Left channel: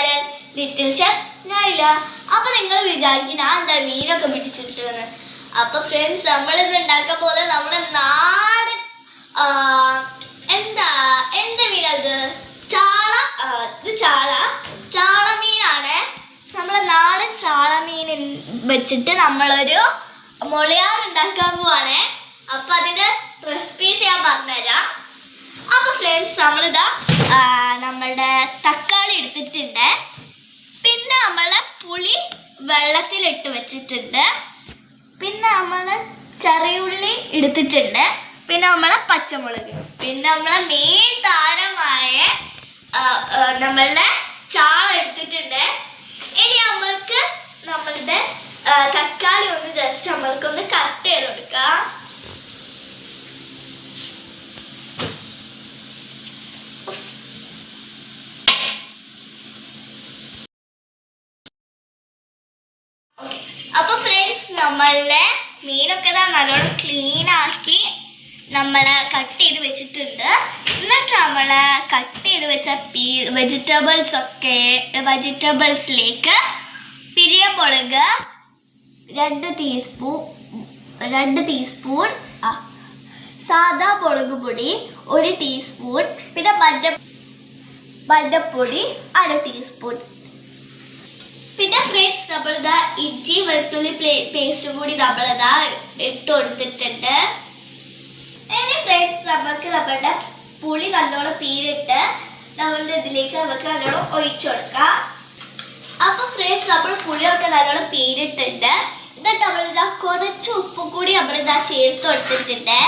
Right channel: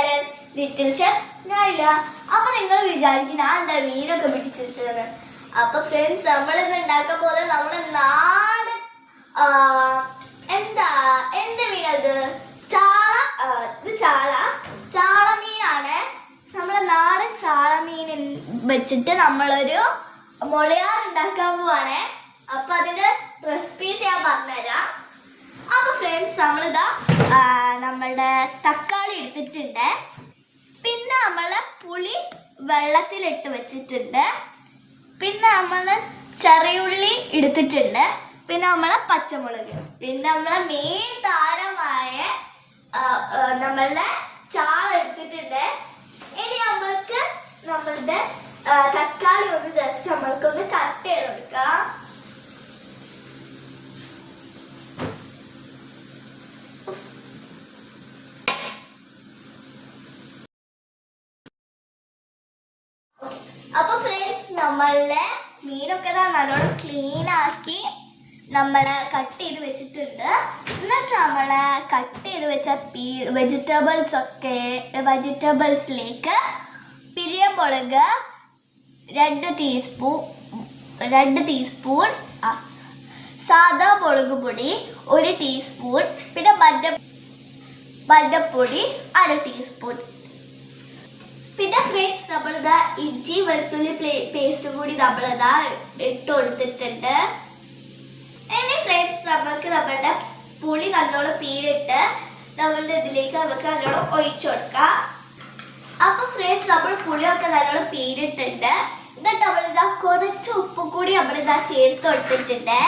Channel little chef Nyla. അപ്പൊ നിങ്ങൾ വിചാരിക്കും ഞാൻ എന്താ മീനൊക്കെ പിടിച്ചിട്ടെന്ന്. അപ്പൊ ഫ്രണ്ട്സ്, നമ്മളിന്ന് ഉണ്ടാക്കാൻ പോലെ നമ്മുടെ നാടൻ എന്ത് മീനത്? ചാള. ഇത് ചാള മീനാണ്. നമ്മളെ നാടൻ ചാള മീൻ വെച്ചിട്ട് നമ്മളൊരു മുളയാർ ഉണ്ടാക്കാൻ പോവാണേ. അപ്പൊ അതിന്റെ റെസിപ്പീസ് ഞാൻ പറഞ്ഞുതരാം. അപ്പൊ ഫ്രണ്ട്സ്, നമ്മളിതാ നമ്മളുടെ തക്കാളി എടുത്തിട്ടുണ്ട്. പിന്നെ നമ്മള് പുളി വെള്ളത്തിലിട്ട് വെച്ചിട്ടുണ്ട്. പിന്നെ നമ്മള് ചെറിയുള്ളി എടുത്തിട്ടുണ്ട്. പിന്നെ നമ്മളെ പച്ചമുളക്. പിന്നെ നമ്മളെ മെയിൻ താരമായ നമ്മളുടെ ചാള എടുത്തിട്ടുണ്ട്. ഇനി നമ്മൾക്ക് നമ്മളുടെ തക്കാളി ഒന്ന് ജസ്റ്റ് നമ്മൾക്കൊന്ന് കട്ട് ചെയ്ത് കൊടുക്കാം. അപ്പൊ ഫ്രണ്ട്സ്, നമ്മളുടെ മീനൊക്കെ നല്ലോണം ക്ലീൻ ആക്കി നമ്മള് കട്ട് ചെയ്ത് വെച്ചിട്ടുണ്ട്. എന്നിട്ട് നമ്മള് കട്ട് ചെയ്ത് വെച്ച വെജിറ്റബിൾസിലേക്ക് പിരിയമുളക് 2 ടീസ്പൂൺ, സാദാ മുളക് പൊടി 1 ടീസ്പൂൺ, പിന്നെ മഞ്ഞപ്പൊടി 1/2 ടീസ്പൂൺ. പിന്നെ ഫ്രണ്ട്സ്, നമ്മളിതാ ഇഞ്ചി വെളുത്തുള്ളി പേസ്റ്റും കൂടി നമ്മളിതാ ഇട്ട് കൊടുത്തിട്ടുണ്ട്. ഇനി ഫ്രണ്ട്സ്, നമുക്ക് നമ്മളുടെ പുളി നല്ലോണം പീരിട്ട് നമ്മളുടെ ഇതിലേക്ക് നമുക്ക് നല്ലോണം ഒഴിച്ചു കൊടുക്കാം. അപ്പൊ ഫ്രണ്ട്സ്, നമ്മൾ പുളിയൊക്കെ നല്ലോണം പീരിട്ടുണ്ട്. എന്നിട്ട് നമ്മളിതാ കുറച്ച് ഉപ്പും കൂടി നമ്മളിതാ ചേർത്ത് കൊടുത്തിട്ടുണ്ട്.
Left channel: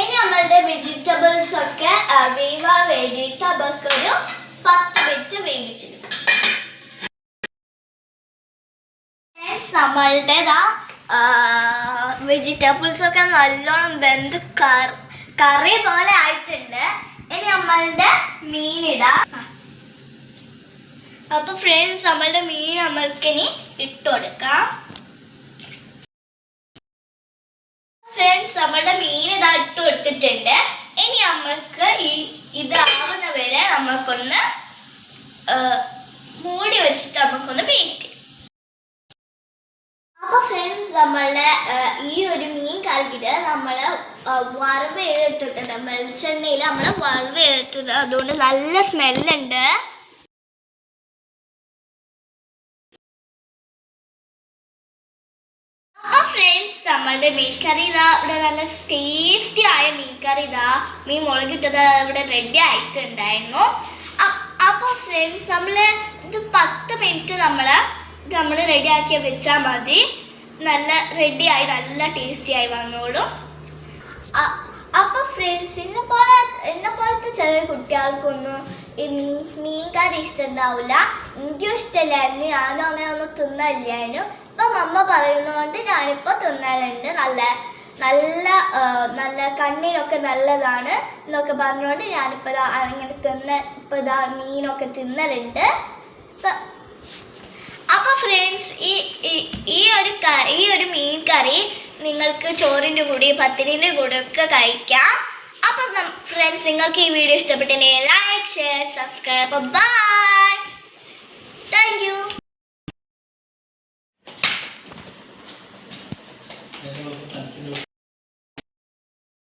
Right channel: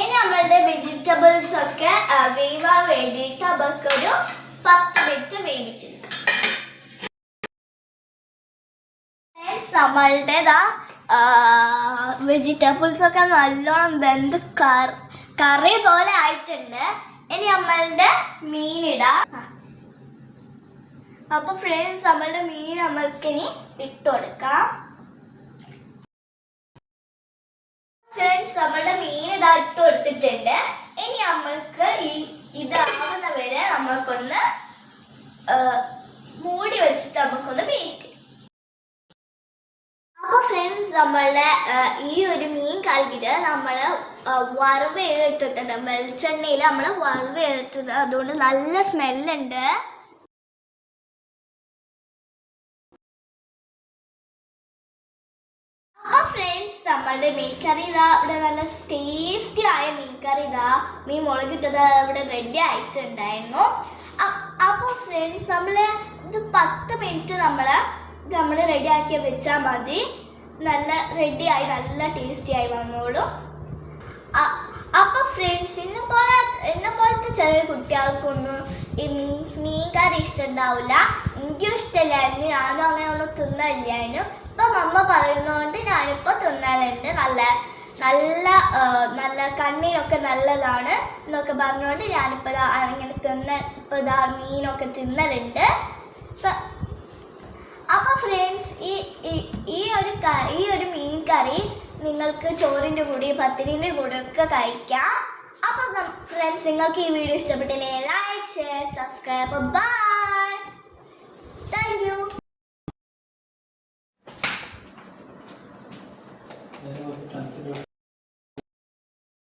ഇനി നമ്മളുടെ വെജിറ്റബിൾസ് ഒക്കെ വേവാൻ വേണ്ടിയിട്ട് നമുക്കൊരു 10 മിനിറ്റ് വേവിച്ചെടുക്കാം. നമ്മളുടെ വെജിറ്റബിൾസ് ഒക്കെ നല്ലോണം വെന്ത് കറി പോലെ ആയിട്ടുണ്ട്. ഇനി നമ്മളുടെ മീനിടാം. അപ്പൊ ഫ്രണ്ട്സ്, നമ്മളുടെ മീൻ നമ്മൾക്കിനി ഇട്ട് കൊടുക്കാം. ഫ്രണ്ട്സ്, നമ്മളുടെ മീൻ ഇതാ ഇട്ട് കൊടുത്തിട്ടുണ്ട്. ഇനി നമ്മൾക്ക് ഇതാവുന്ന വരെ നമുക്കൊന്ന് മൂടി വെച്ചിട്ട് നമുക്കൊന്ന് വെയിറ്റ്. അപ്പൊ ഫ്രണ്ട്സ്, നമ്മളുടെ ഈ ഒരു മീൻ കറിയിട്ട് നമ്മള് വറവ് ചെയ്തിട്ടുണ്ട്. വെളിച്ചെണ്ണയിൽ നമ്മള് വറവ് ചെയ്തിട്ടുണ്ട്. അതുകൊണ്ട് നല്ല സ്മെല്ലുണ്ട്. അപ്പൊ ഫ്രണ്ട്സ്, നമ്മളുടെ മീൻ കറി ഇതാ ഇവിടെ നല്ല ടേസ്റ്റി ആയ മീൻ കറി മീൻ മുളകിട്ടത് ഇവിടെ റെഡി ആയിട്ടുണ്ടായിരുന്നു. അപ്പൊ ഫ്രണ്ട്സ്, നമ്മള് ഇത് 10 മിനിറ്റ് നമ്മൾ റെഡി ആക്കി വെച്ചാൽ മതി. നല്ല റെഡിയായി നല്ല ടേസ്റ്റി ആയി വന്നോളും. അപ്പൊ ഫ്രണ്ട്സ്, എന്നെ പോലത്തെ ചെറിയ കുട്ടികൾക്കൊന്നും ഈ മീൻ കറി ഇഷ്ടമുണ്ടാവില്ല. എനിക്കും ഇഷ്ടമില്ലായിരുന്നു. ഞാനും അങ്ങനെ ഒന്നും തിന്നില്ലായിരുന്നു. ഇപ്പൊ മമ്മ പറയുന്നതുകൊണ്ട് ഞാനിപ്പോ തിന്നാറുണ്ട്. നല്ല കണ്ണിനൊക്കെ നല്ലതാണ് എന്നൊക്കെ പറഞ്ഞുകൊണ്ട് ഞാനിപ്പോ ഇങ്ങനെ ഇപ്പൊ മീനൊക്കെ തിന്നലുണ്ട്. അപ്പൊ ഫ്രണ്ട്സ്, ഈ ഒരു മീൻ കറി നിങ്ങൾക്ക് ചോറിൻ്റെ കൂടി പത്തിരിൻ്റെ കൂടെ ഒക്കെ കഴിക്കാം. അപ്പൊ ഫ്രണ്ട്സ്, നിങ്ങൾക്ക് ഈ വീഡിയോ ഇഷ്ടപ്പെട്ടെങ്കിൽ like, share, subscribe. Bye. Thank U.